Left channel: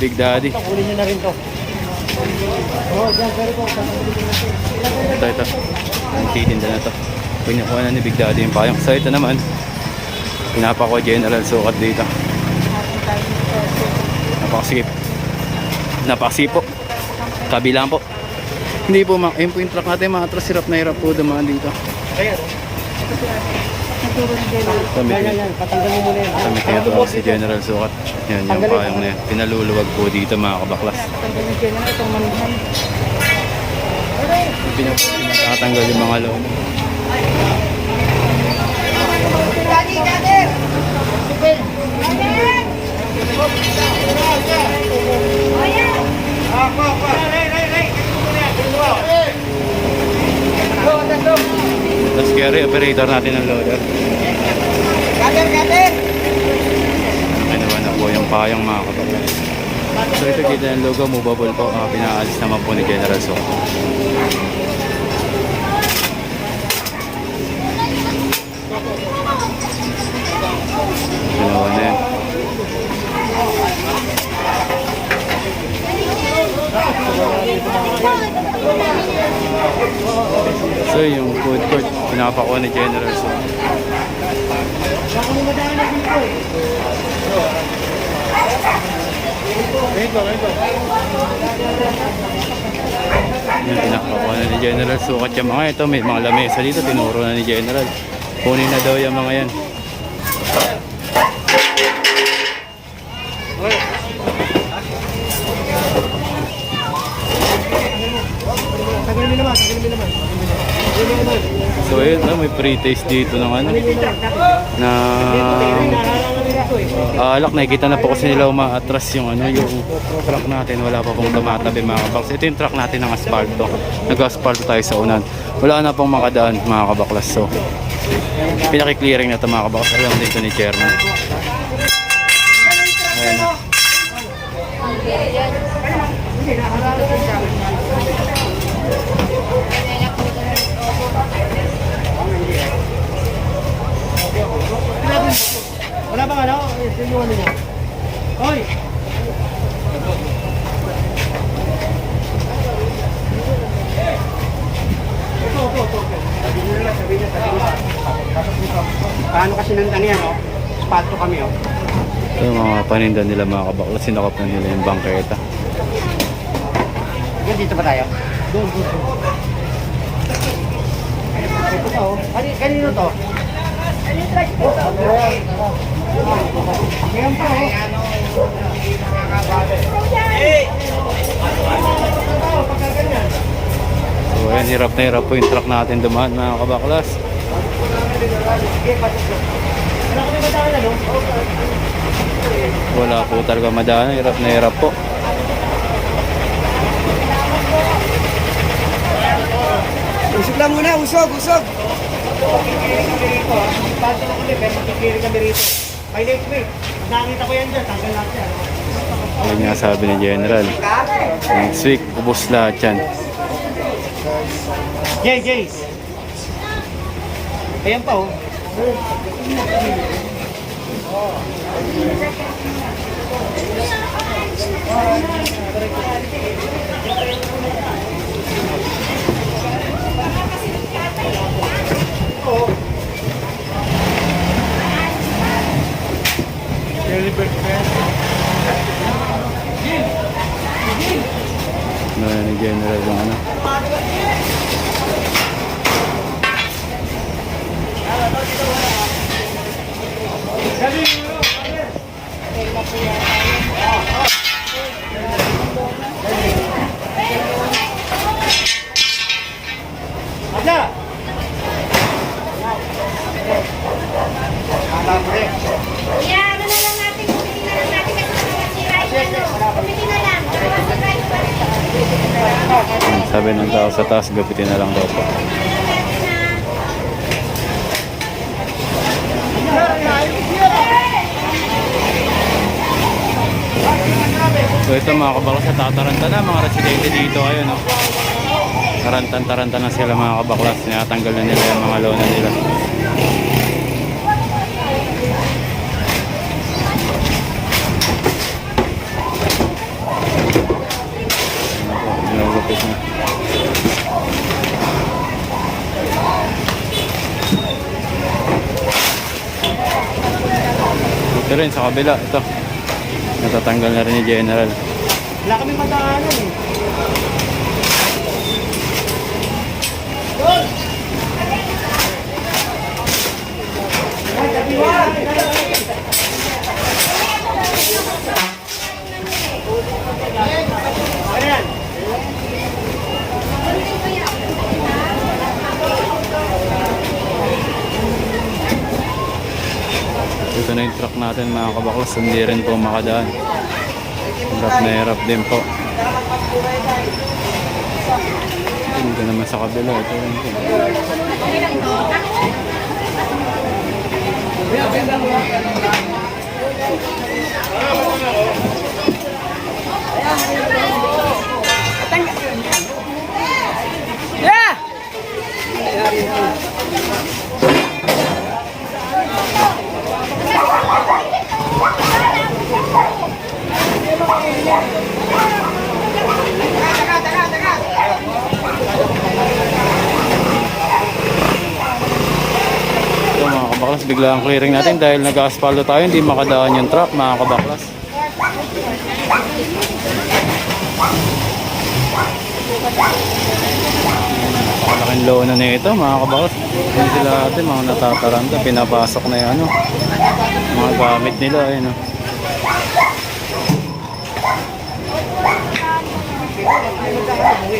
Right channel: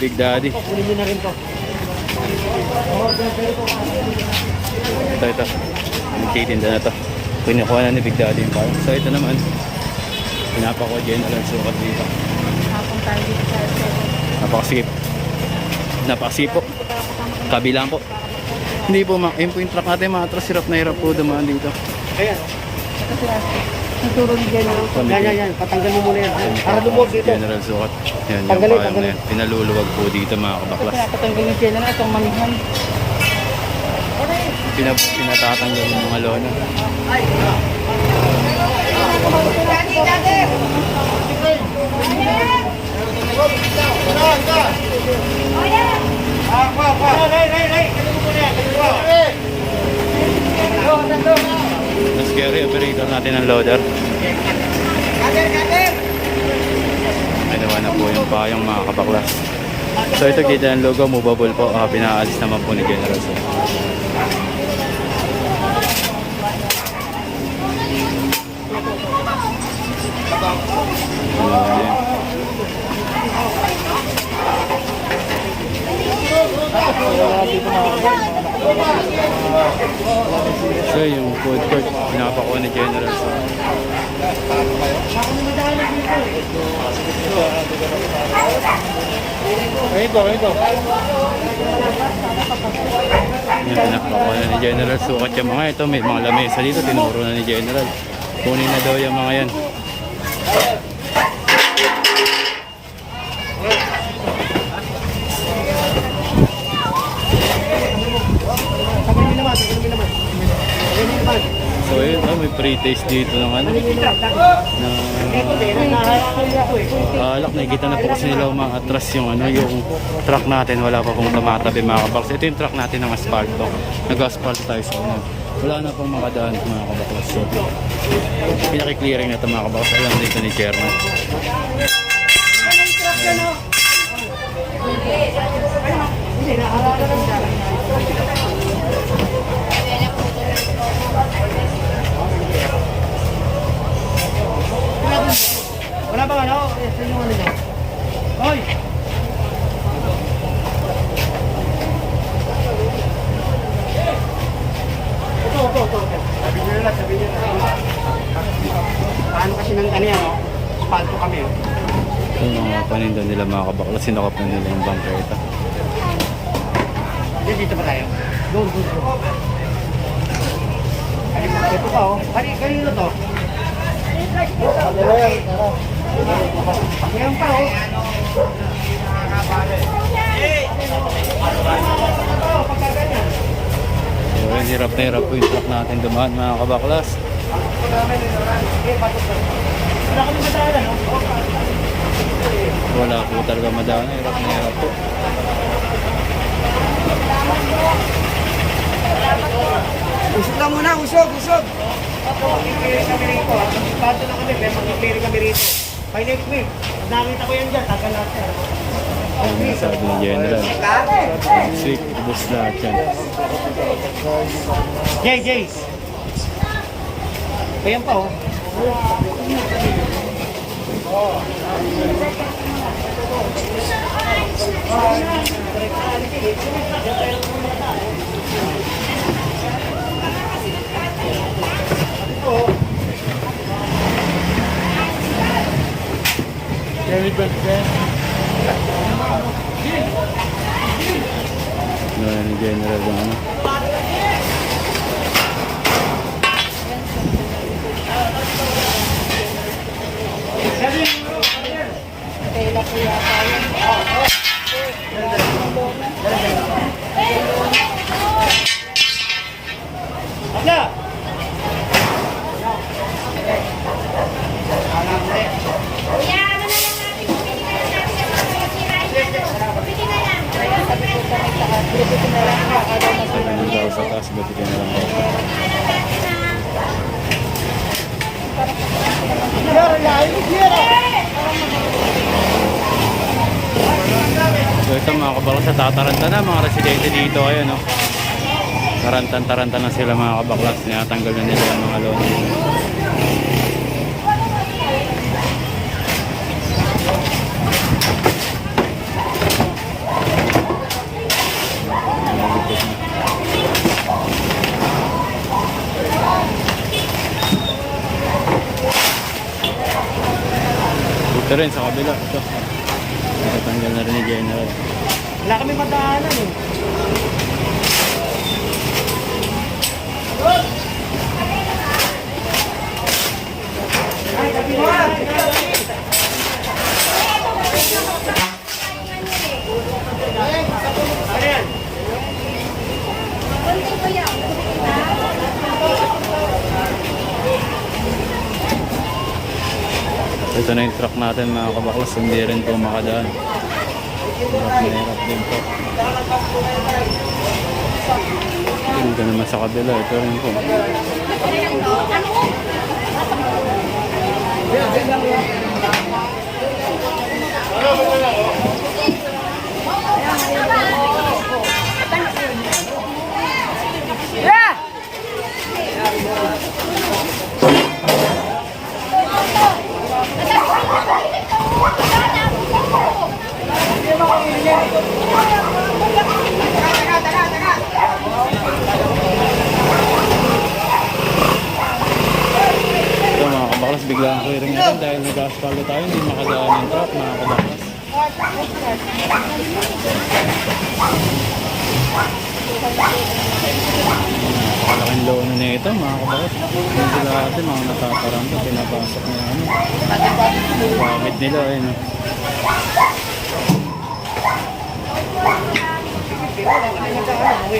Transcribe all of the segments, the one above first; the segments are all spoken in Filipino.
Big Daddy. Kunin na rin to. Oh, dyan, pero po, ito. Ito. Nagtitinda na to. Kinukuha na ni Big Daddy yung payong. So ito naman. Pinapako general sukat dito. Napakasikip. Napakasipo. Kabilang po. Hindi po, ma po yung truck natin. Mga atras, hirap na hirap po dumaan dito. Kaya, no? Kami Yan, yan, yan. Patanggal mo muna yan. Kami kaya si General Sukat. Yan, yung payong na yan. Pinaluluwag po dito mga kabaklas. Patanggalin siya na itong manuhan. Pinap pinatatanggal yung mga lona. Tapos carry operator natin ng loader. Nakinuha na po yung payong mga kabaklas. So ito kita ng logo, movable po. Ah, pinaalis naman po ni General Sukat. Ginawa na yan. So yung food court, pinapakuha ni General so. Yan, pinapakuha na ni General Sukat yung mga ito. May mga lamesa dito, tinuro na ni General. Kunin na daw yung mga yan. So ayun, ah, may pre-taste dito ng ano, na eh. alak. Nakikita na po kasi nila umaatras yung ano, yung truck natin. Wala pa pong tumatabi mga kabaklas. Ito yung truck natin ng asfalto. Nag-asfalto tayo sa unan. Wala na pong makadaan mga kabaklas. So, pinaki-clearing na ito mga kabaklas. Alam dito ni Chairman. Ayan. Wala bang ano? Yes, yun yung ano niya. Hoy! Sabi nila, sabi niya, sabi niya. Pasok. Paano kasi nang taniya, no? Spalto kami, oh. Ito mga paninda nila mga kabaklas. Sinakap na nila yung bangketa. Yan, dito ba tayo? Doon, doon, doon. Ito pa, oh. Kani, kanino to? Ayan pa, oh. So ayan, hirap na hirap po yung truck natin dumaan mga kabaklas. Wala po talaga madaan. Hirap na hirap po. Usog lang muna, usog, usog. Magkikiri kami rito, ha? Bago na kami, pero magkikiri kami rito. By next week, pag nakita ko yan dyan, tanggal lahat yan. Ayun nga sabi ni General. Next week, ubos lahat yan. Jay, Jay. Ayan pa, oh. Ano yan ni General yung ano. Ada. Alam mo eh. Kuya, ano na lang natin, bumili na lang natin kasi baka masira yung ano. Bumili na lang, baka masira yung ano. Sabi ng tao sa taas, gapitin na lang daw pa. So ito mga kabaklas, tataranta na mga residente dito kayo no. Tarantan-taranta na sila mga kabaklas. Tinatanggal na nila yung mga lona nila. Rin sa kabila. Ito. Natatanggal na rin ni General. Wala kami mataanan eh. Ayan. Ito na yung truck natin mga kabaklas. Hindi rin po makadaan. Hirap na hirap din po. Dito naman sa kabila. Ito rin po. Ito mga kabaklas, bigla ang clearing natin dahil nag-aspalto tayo, hindi makadaan yung truck mga kabaklas. Napakalaking lona na ito mga kabaklas. Yan sila ate, mga natataranta, pinapasok na yung ano, mga gamit nila. Ayun, oh. Kami mataanan.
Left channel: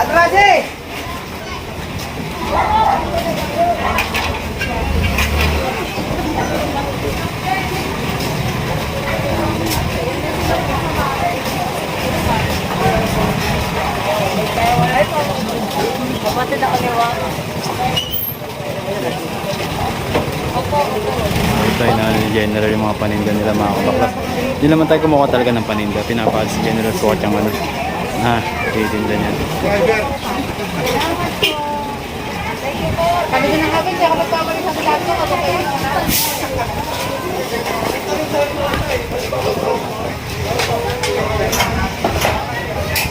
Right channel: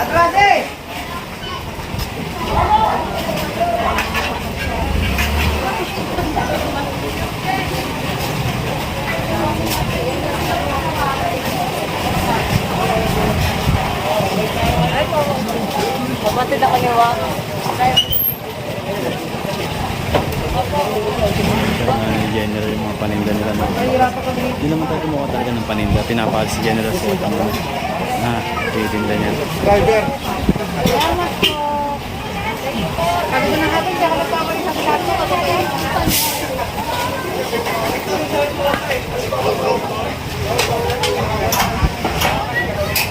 Atras eh! Try na ni General yung mga paninda nila mga kabaklas. Hindi naman tayo kumuha talaga ng paninda. Pinapalis si General Suot yung ano. Ah, titinda niyan.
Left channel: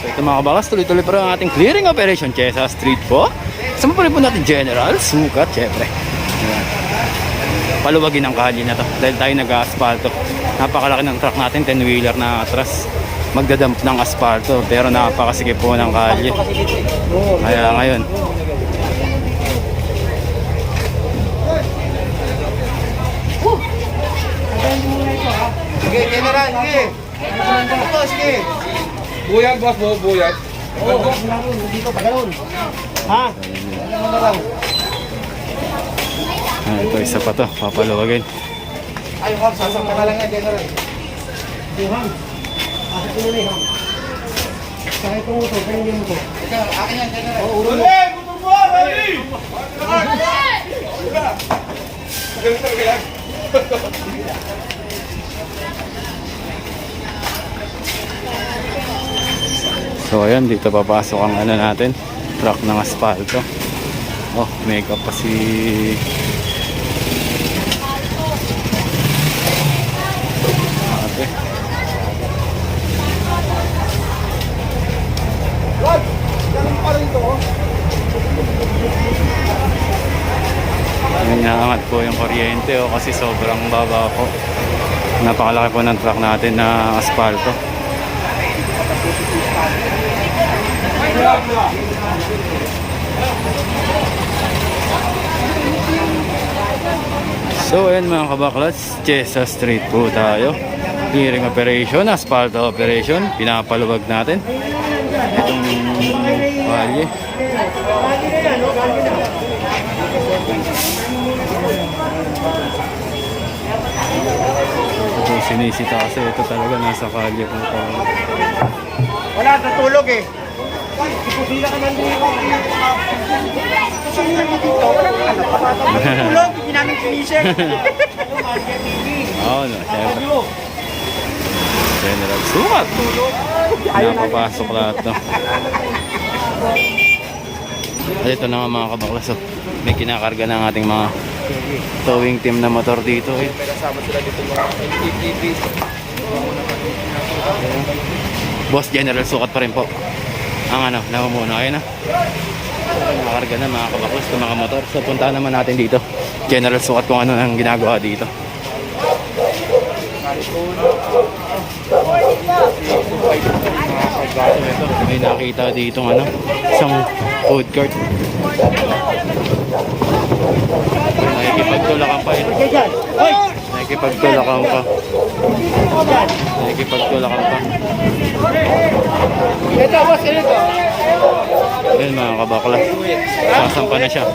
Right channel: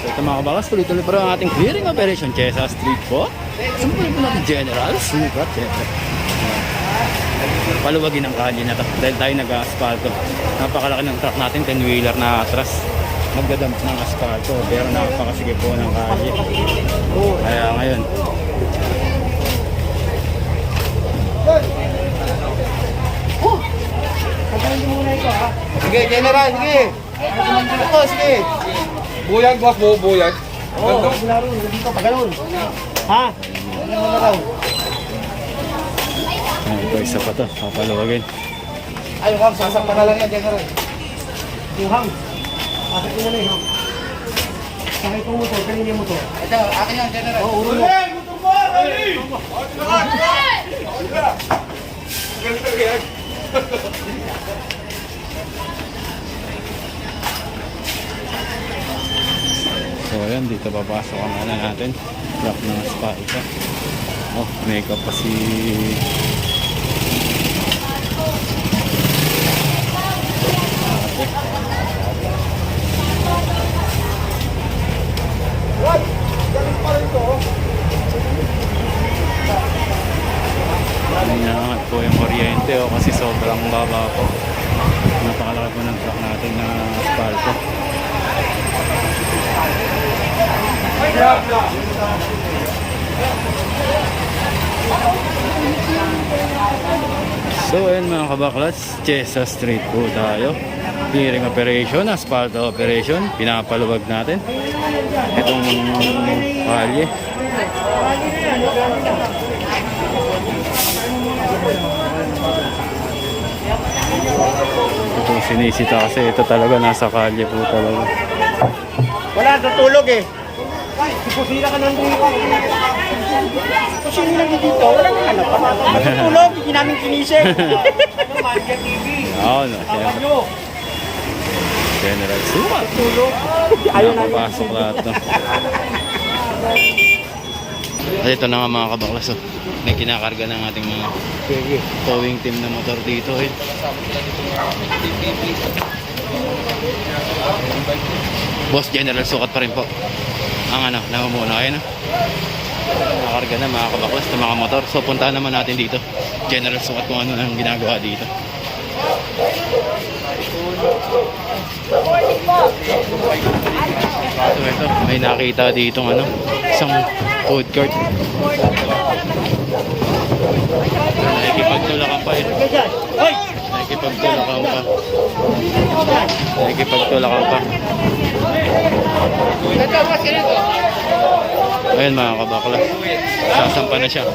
So ito mga kabaklas, tuloy-tuloy pa rin ang ating clearing operation Chesa Street po. Sama pa rin po natin General Sukat, syempre. Ayan. Paluwagin ang kalye na to dahil tayo nag-asfalto. Napakalaki ng truck natin, 10-wheeler na atras. Magdadamp ng asfalto pero napakasige po ng kalye. Kaya ngayon. Sige, General, sige. Opo, sige. Buyag, boss mo, buyag. Oo, oh, wala ron. Dito pa ganun. Ha? Ah, ito isa pa to, papaluwagin. Ay, ma'am, sasakta na lang yan, General. Duhang. Pasok ko muna eh. ha? Sakay ko motor, kanin yung motor. Ito, akin yan, General. Oo, ulo. So ayan, dito papasok ang ano natin, truck ng asfalto. Oh, makeup pa si kuryente oh, kasi sobrang baba po. Napakalaki po ng truck natin na asfalto. So ayan mga kabaklats, Chesa Street po tayo. Clearing operation, asphalt operation, pinapaluwag natin. Itong kalye. Ito po sinisita kasi ito talaga nasa kalye po talaga. Wala, natulog eh. Ikusila ka lang dito. Ikusila ka dito. Wala ka pa. Tulog, hindi namin kinisip. Oo, no. General Sumat. Napapasok lahat. At ito na nga mga kabaklas oh. May kinakarga ng ating mga towing team na motor dito eh. Boss General sukat pa rin po. Ang ano, namumuno. Ayun na. Nakakarga na mga kabaklas ng mga motor. So puntahan naman natin dito. General sukat kung ano ang ginagawa dito. So ito, may nakita dito ano, isang food court. Nakikipagtulakan pa eh. Nakikipagtulakan pa. Nakikipagtulakan pa. Ayun mga kabakla. Sasampa na siya.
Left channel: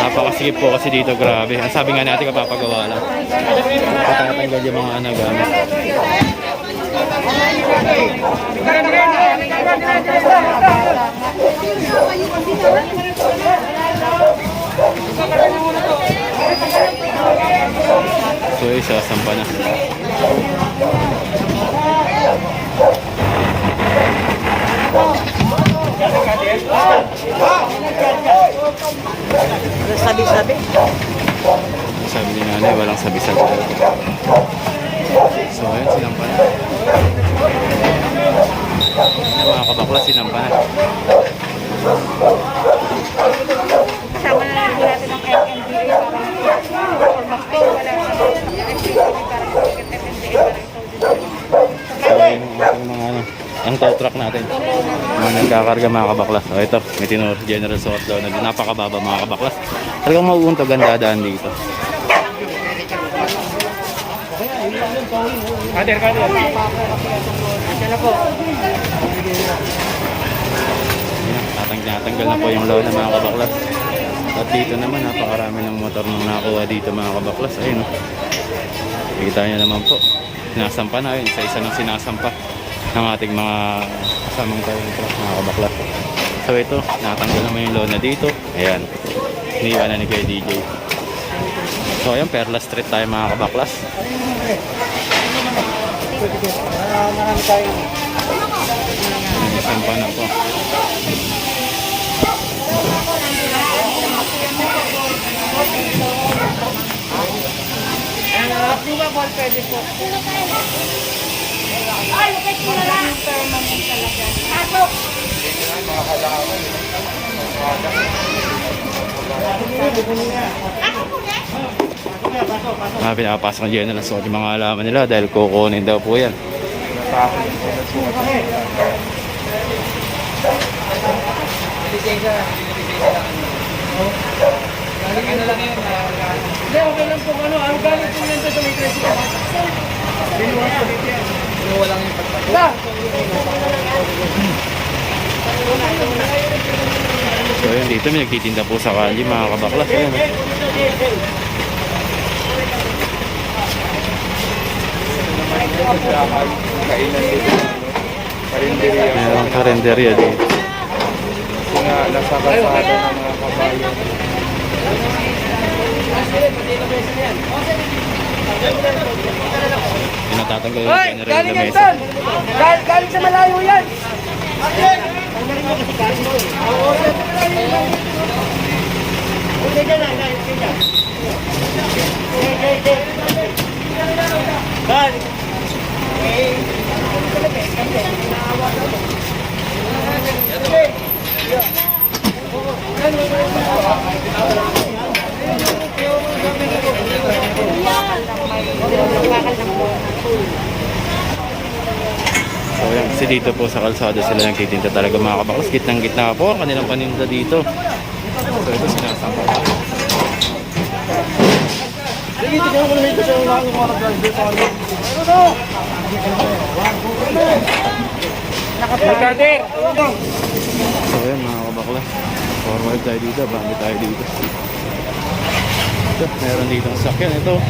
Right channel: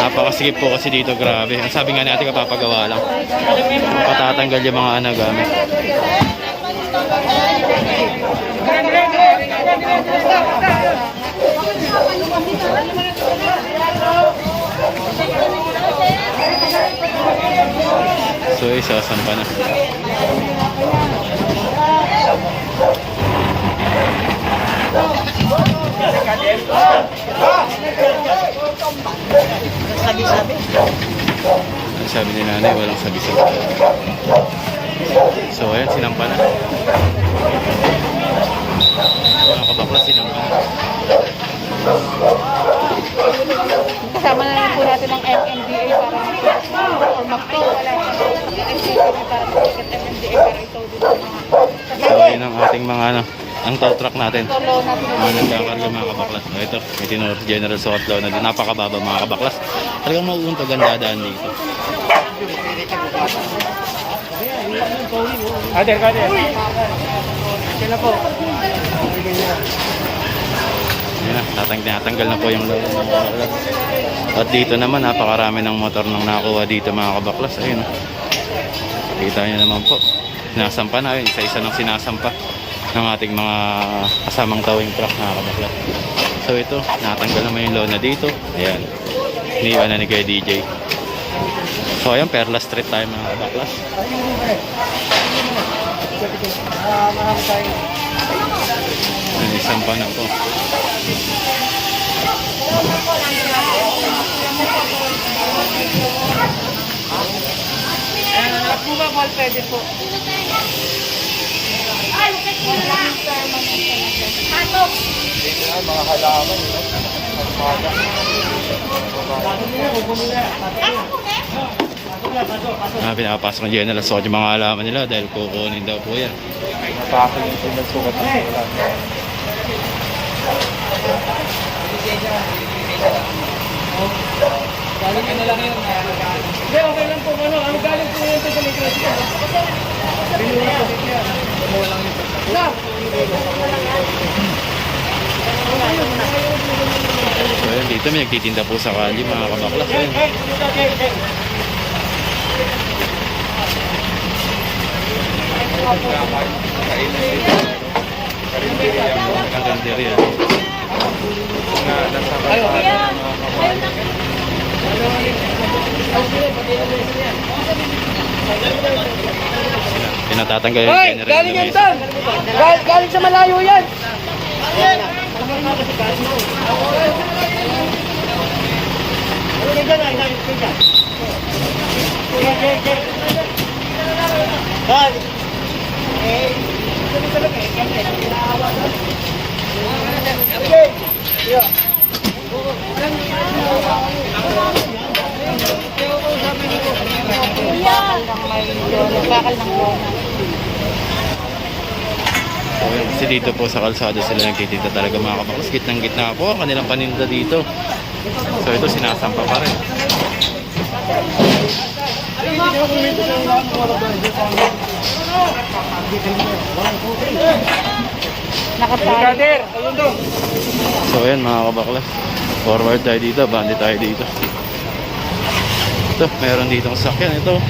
Napakasigip po kasi dito, grabe. Ang sabi nga natin kapapagawa lang. Patatanggal yung mga ano gamit. So, eh, sasampa na. Sabi-sabi. Ang sabi ni nanay, walang sabi-sabi. So, ayan, sinampa na. Ayan na mga kabakla, sinampa na. Kasama na lang natin ang MMDA. So, ayun ang ating mga ano, ang tow truck natin. Mga nagkakarga mga kabaklas. So, ito, may tinor General Suot daw na din. Napakababa mga kabaklas. Talagang mauuntog ang dadaan dito. Kader, kader. Ayun na, tatang natanggal na po yung lola mga kabaklas. At dito naman, napakarami ng motor nang nakuha dito mga kabaklas. Ayun o. Kita nyo naman po. Sinasampa na yun. Isa-isa ng sinasampa ng ating mga kasamang towing truck mga kabaklas. So ito, natanggal naman yung lona dito. Ayan. Iniwan na ni kay DJ. So ayan, Perla Street tayo mga kabaklas. Ayan, isang pa na po. At buka ball pwede po. Wag lang yung permanent talaga. Na, pasok, pasok. Ah, pinapasok ng General Suot yung mga alaman nila dahil kukunin daw po yan. Galing ano lang yun. Hindi, okay lang po. Ano, ang galing po yan sa may tres yan. Binuhat po dito yan. Binuha lang yung pagkakas. So ayun, dito may nagtitinda po sa kalye mga kabaklas. Ayan. Meron karinderya dito. Pinatatanggal yung general ng mesa. Galing, sa malayo yan. Pagbarin mo kasi galing mo. Galing sa malayo yan. Okay, galing, galing, galing. Okay, okay, okay. Galing. Eh, ano talaga eh, kasi naawa daw eh. Okay. So yan, kasi dito po sa kalsada sila nagtitinda talaga mga kabaklas. Gitnang gitna po ang kanilang paninda dito. So ito sinasampa pa rin. Sige, tignan ko lang ito sa ulang ng mga galing dito. Nakader! So ayan mga kabaklas. Forward tayo dito, bandi tayo dito. Ito, meron ditong sakyan. Ito,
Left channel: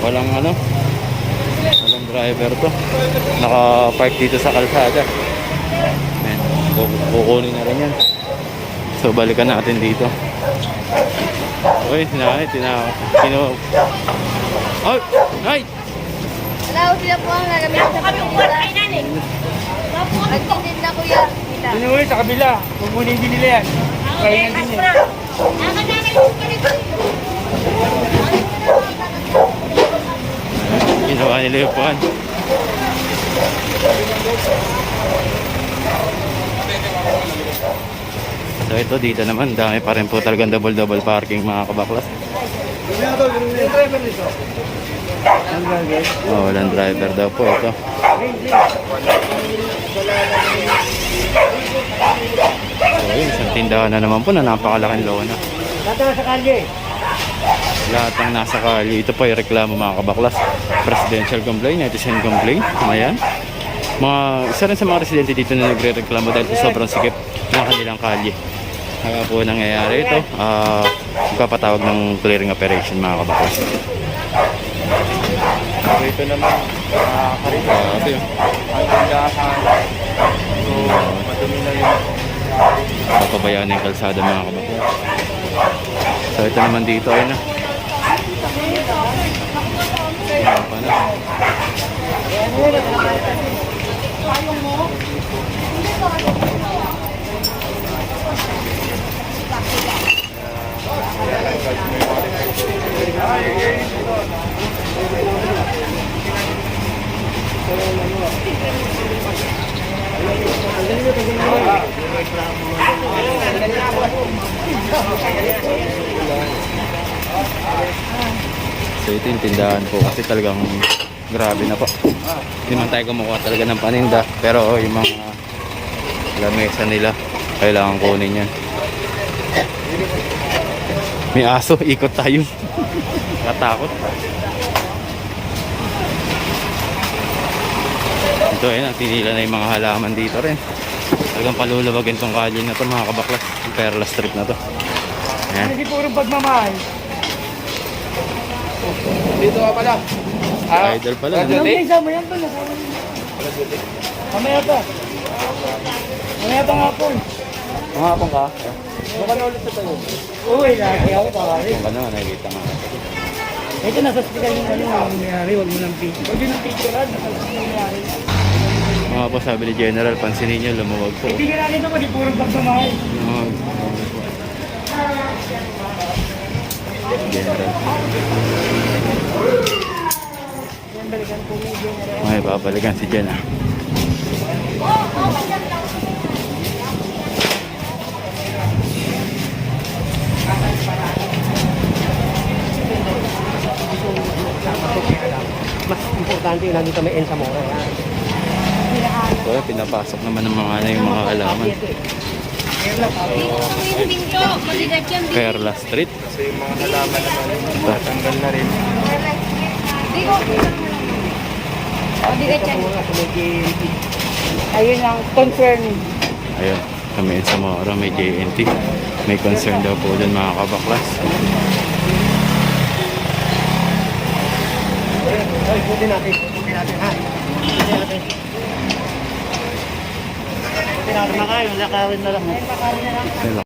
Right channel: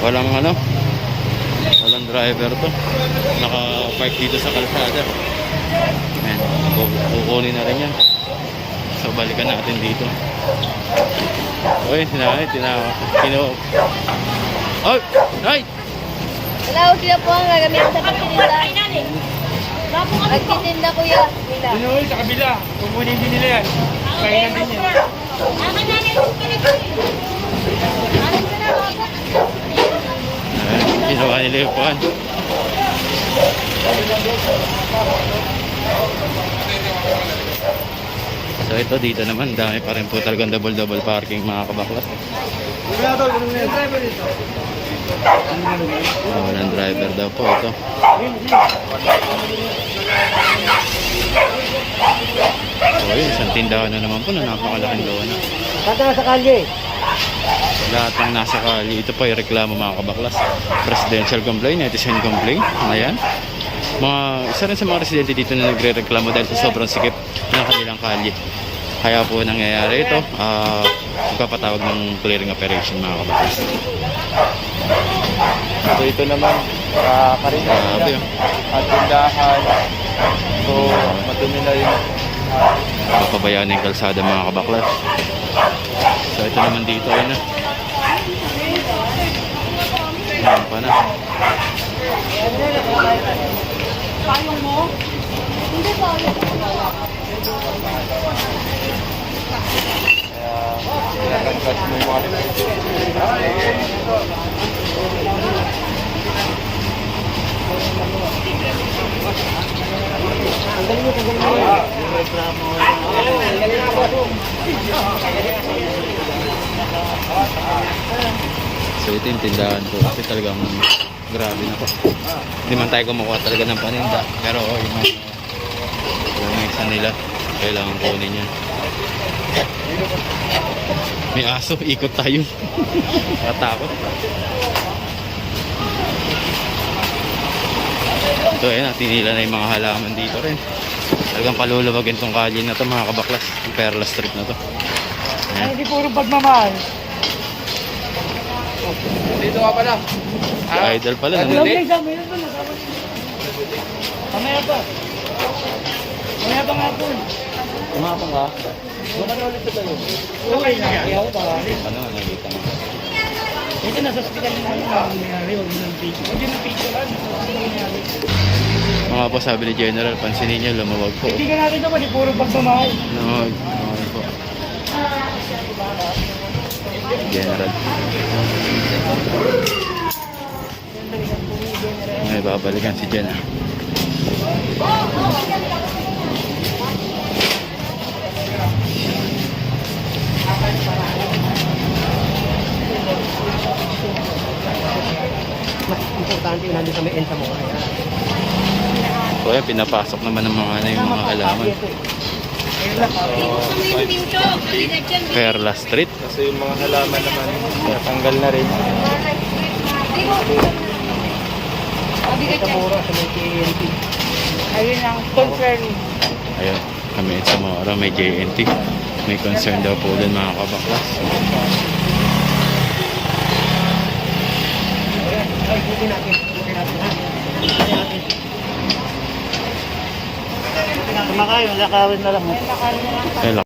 walang ano, walang driver to. Naka-park dito sa kalsada. Ayan, kuku- kukunin na rin yan. So balikan natin dito. Okay, sinakay, tina, kino... Oh, night! Hello, siya po. Nagamit kay nanay. Nagtitinda na ulit sa kabila. Huwag mo din nila yan. Kaya yan din yan. Ah, kananay mo pala ko eh. Ginawa nila yung puan. So ito dito naman, dami pa rin po talagang double-double parking mga kabaklas. Oh, walang driver daw po ito. So yun, isang tindahan na naman po na napakalaking lona. Tata sa kalye. Lahat ng nasa kali, ito po ay reklamo mga kabaklas. Presidential complaint, netizen complaint, ayan. Mga, isa rin sa mga residente dito na nagre-reklamo dahil sa sobrang sikip ng kanilang kalye. Kaya po nangyayari ito, ah, magpapatawag ng clearing operation mga kabaklas. So ito naman, uh, Grabe oh. ang tindahan. So, dumi na rin. Papabayaan yung kalsada mga kabaklas. So ito naman dito ay na. Ayan pa na. So ito yung tindahan po kasi talagang grabe na po. Hindi man tayo kumukuha talaga ng paninda pero yung mga lamesa nila kailangan kunin yan. May aso, ikot tayo. Katakot. Ito eh, tinila na yung mga halaman dito rin. Talagang palulubagin tong kalye na to mga kabaklas. Yung Perla Street na to. Ayan. Hindi puro pagmamahal. Dito ka pala. Idol pala. Huwag Nandito. na isama yan. Pag Mamaya pa. Mamaya pa nga po. Kumapang ka. Doon ka na ulit sa tayo. Uy, nakakaya ko pa. Ano, nakikita mo. Ito nasa hospital yung ano, nangyari, huwag mo ng picture. Huwag yun ng picture, ah. Mga po sabi ni General, pansinin niyo, lumawag po. Hindi ka natin ito kasi puro pagmamahal. Lumawag. Lumawag po. General. May babalikan si Jen ah. Mas importante yung nandito may Ensa Mora, yan. So ayan, pinapasok naman ng mga ano yung mga yan. Perla Street. Kasi yung mga halaman naman, tanggal na rin. Mabigat yan. Ayun ang concern. Ayun, kami sa Mora, may JNT. May concern daw po dun mga kabaklas. Ay, buti natin. Buti natin, ha? Buti natin. Buti natin makain. Wala kawin na lang. Ayun,